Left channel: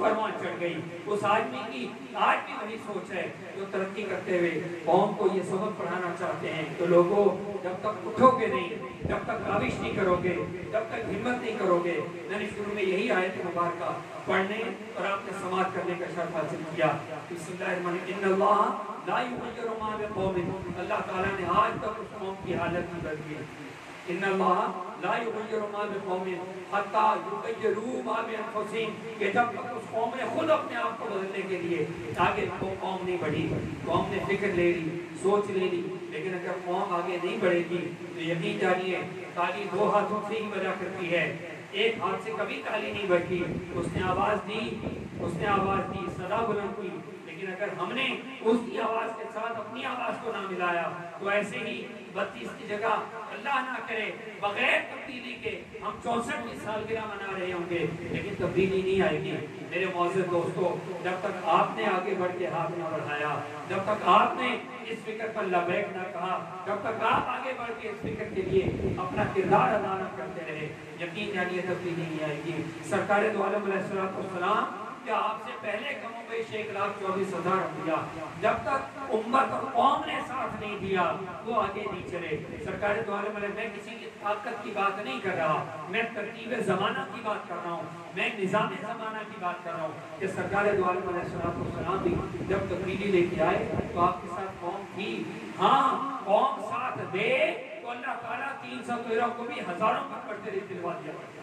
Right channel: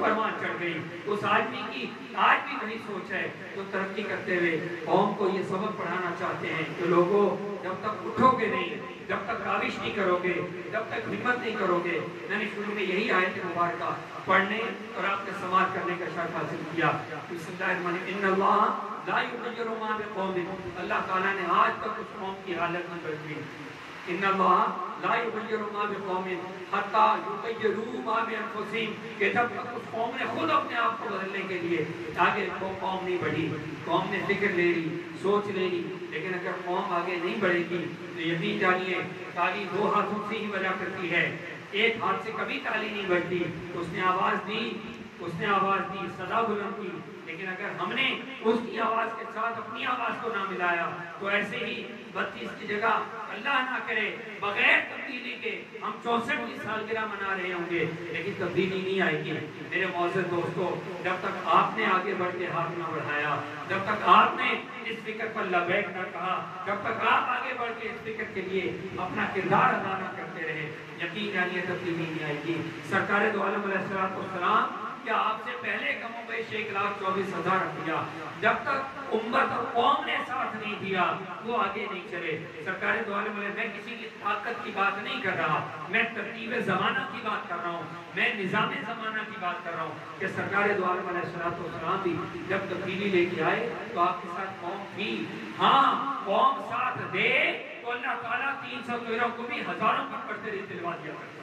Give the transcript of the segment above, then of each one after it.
परवान चढ़ गई। उस आदमी की आज भी वही सोच है तो तरक्की करते हुए कौम को ये सबक पढ़ाना चाहते हैं कि लोगों, जब तक उठोगे नहीं, जब तक काविश नहीं करोगे, जब तक हिम्मत नहीं करोगे। मैंने शुरू में यही आयत मुबारक पढ़ने और आपने समाज करने का शर्त हासिल किया। अल्लाह ताला ने आज तक उस कौम की हालत नहीं बदली। जब तक उस कौम ने खुद अपने आप को बदलने के लिए आगे कौम नहीं बढ़ी, कौम ने फिक्र ले ली, सोच ले ली। लेकिन अगर कौम आगे नहीं बढ़ेगी तो यकीन जानिए ताली दो हाथों से ही बजा करती है, एक हाथ से कभी ताली नहीं बजती। उसने आवाज दी, सदा बुलंद की, लेकिन अगर हमने उसकी आवाज के साथ अपनी आवाज को ना मिलाया तो ऐसे ही 32 की जगह अल्लाह ना करे बगैर तब्दीली के हम 64 की सालगिरह मना रहे होंगे, लेकिन तब्दीली नहीं आएगी। मेरे मौजूद दोस्तों, जब तक आपने आगे बढ़ के हाथ ना बढ़ाया, जब तक आपने इस फिक्र पर लबैक ना कहा, जब तक आप आगे बढ़ के इस फिक्र के लिए अपना किरदार अदा न करते रहे, यकीन जानिए तब्दीली नहीं आएगी। सरकार दो आलम अलैहिस्सलाम क्या आपसे पहले कमो बेश 1,24,000 दिया, जब तक उम्मत और कौम ने साथ नहीं दिया वो आगे नहीं चले। सरकार दो आलम मैं किसी की ताकत की बात नहीं कर रहा, मैं तरतीब ज़माना की बात कर रहा हूँ, मैं निज़ाम ज़माना की बात कर रहा हूँ कि सरकार दो आलम अलैहिस्सलाम भी जब तब्दीली लेके आए तो आपके साथ कौम थी। हाँ, कौम साथ दे तो अल्लाह ताला 313 को भी हजारों की बढ़ते दिलवा दिया करता।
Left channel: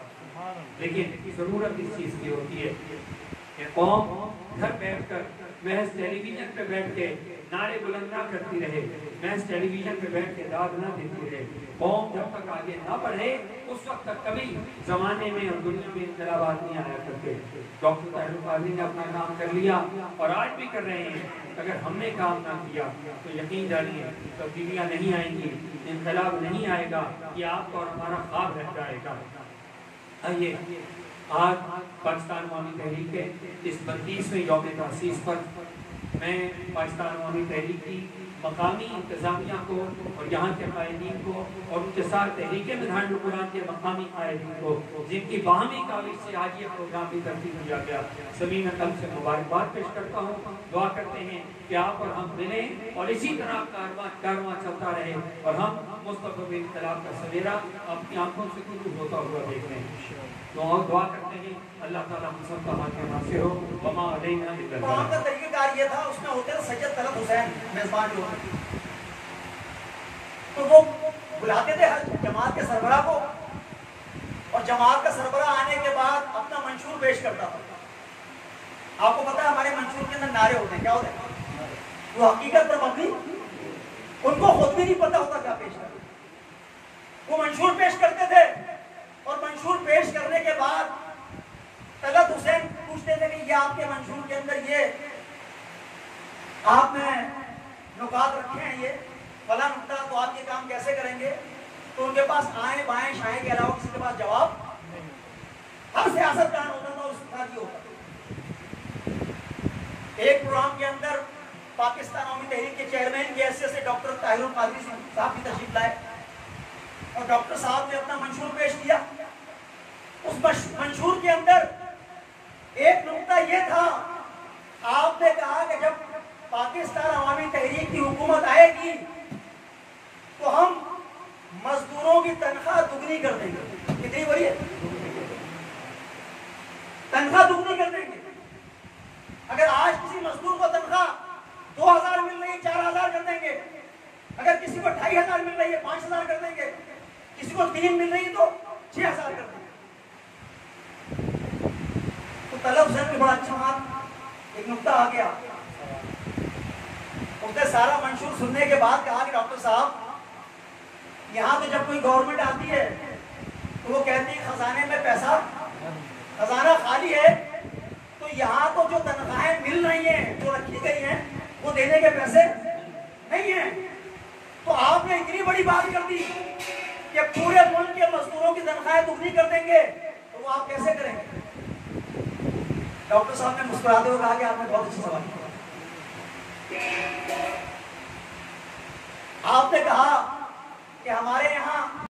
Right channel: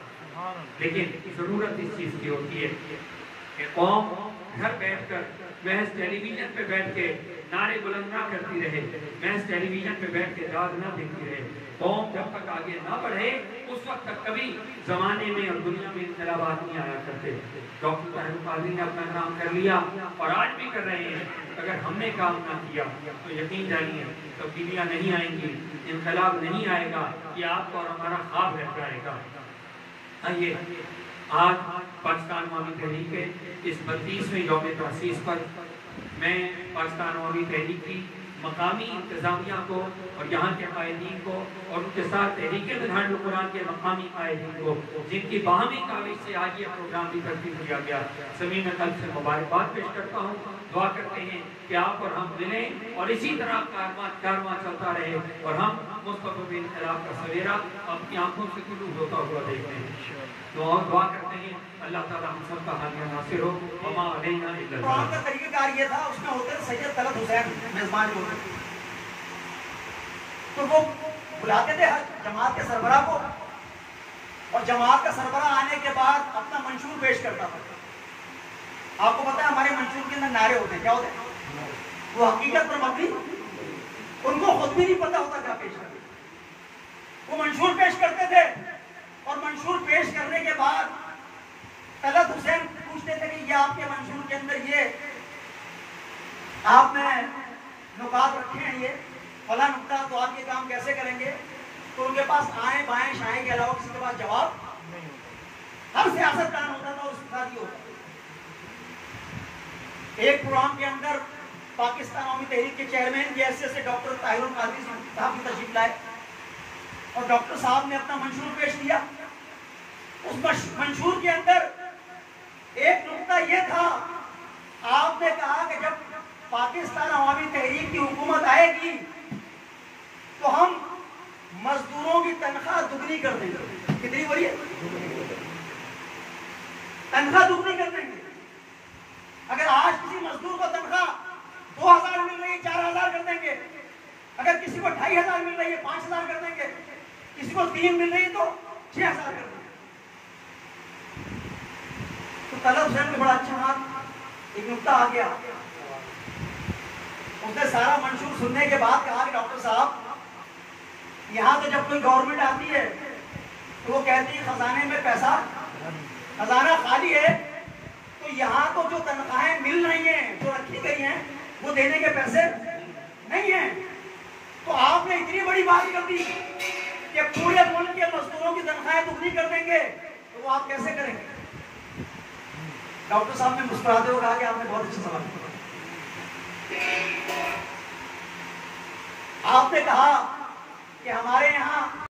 लेकिन जरूरत इस चीज की होती है कि कौम घर बैठकर महज टेलीविजन पे बैठ के नारे बुलंद ना करती रहे, महज टेलीविजन पे बैठ के दाद ना देती रहे। कौम जब तक आगे ना बढ़े उस वक्त तक कभी जमाने में और दुनिया में इनकलाबात नहीं आया करते। डॉक्टर ताहिर कादरी ने अपना काम कर लिया और आज भी कर रहे हैं। अगर हमने काम ना किया तो यकीन जानिए तब्दीलियां नहीं आएंगी, इनकलाब नहीं आएगा, ये आपको और हमारा ख्वाब रह जाएगा। आइए आज पाकिस्तान अवामी तहरीक के इस 32वें यौम तासीस पर मैं पाकिस्तान अवामी तहरीक की मकामी इंतज़ामिया को और यहाँ के कायदीन को और उनके साथ तहरीक मिधान कुरान के मकामी कायदीन को, जिनकी बाहमी काविश से आज ये प्रोग्राम भी तरतीब किया गया, सभी में कल से मुबारकबाद पेश करता हूँ। दुआ करते हैं कि आप और हम मिलें और इसी तरह कारवां चलता रहे और हम मुस्तक़बिल इनक़लाब का सवेरा अपनी आंखों से तुलू होता हुआ देखते हैं। दुआ करते हैं अल्लाह ताला हम सब का हाथ नासिर हो। वमा अलैना इल्ला तो आपका तरीक़ाकार ये था, उसमें होटल सैयद तलत हुसैन मेजबान को, तो वो बुलाते थे हर जमात के सरबराह को और जमात का सरबराह आने के बाद अपना मंशूर पेश करता था। आपको पता है हमारे मंशूर के अंदर नारे होते हैं, क्या होते हैं? वो हकीकत पर मबनी, उनको खुद भी नहीं पता होता क्या पेश करते। वो मंशूर पेश करते थे और मंशूर पेश करने के बाद तलत हुसैन पूछते थे कि ये आपके मंशूर के अंदर ये आपने नुकात रखे हैं, ये फला नुकता, तो आप ये काम कैसे करेंगे? तो उनके पास आए बाएं शाएं के अलावा किसी के पास जवाब नहीं होता। हर सियासतदान होता था उसके साथ ये होता। एक प्रोग्राम के अंदर पाकिस्तान अवामी तहरीक के चेयरमैन की हैसियत से डॉक्टर ताहिर कादरी साहब की तशरीफ लाए और डॉक्टर साहब ने अपना मंशूर पेश किया। उस मंशूर के अंदर एक नुकता ये था, आपने कहा कि जब पाकिस्तान अवामी तहरीक की हुकूमत आएगी तो हम मजदूरों की तनख्वाह दुगनी कर देंगे। कितनी हो रही है? तनख्वाह दुगनी कर देंगे। अगर आज किसी मजदूर को तनख्वाह 2,000 मिल रही है, 4,000 कर देंगे। अगर किसी को 2,500 मिल रही है, 5,000 कर देंगे। किसी को 3 मिल रही है तो 6,000 कर देंगे। तो तलत हुसैन के बड़ा अच्छा हाथ एक नुकता आ गया। उसने सारा मंशूर सुनने के बाद कहा कि डॉक्टर साहब, यहाँ तो जब कोई गवर्नमेंट आती है तो वो कहती है खजाने में पैसा, खजाना खाली है, तो यहाँ तो जो तनख्वाहें मिल रही हैं, जो रखी गई हैं, वो देने के पैसे नहीं हैं। तो आपने इतनी बड़ी बात कर दी कि पूरे मुल्क के मजदूरों की तनख्वाहें दुगनी कर देंगे, तो वो आप कैसे करेंगे? डॉक्टर साहब ने मुस्कुराते हुए कहा कि आपने बहुत अच्छा सवाल किया। आपने कहा कि हमारे यहाँ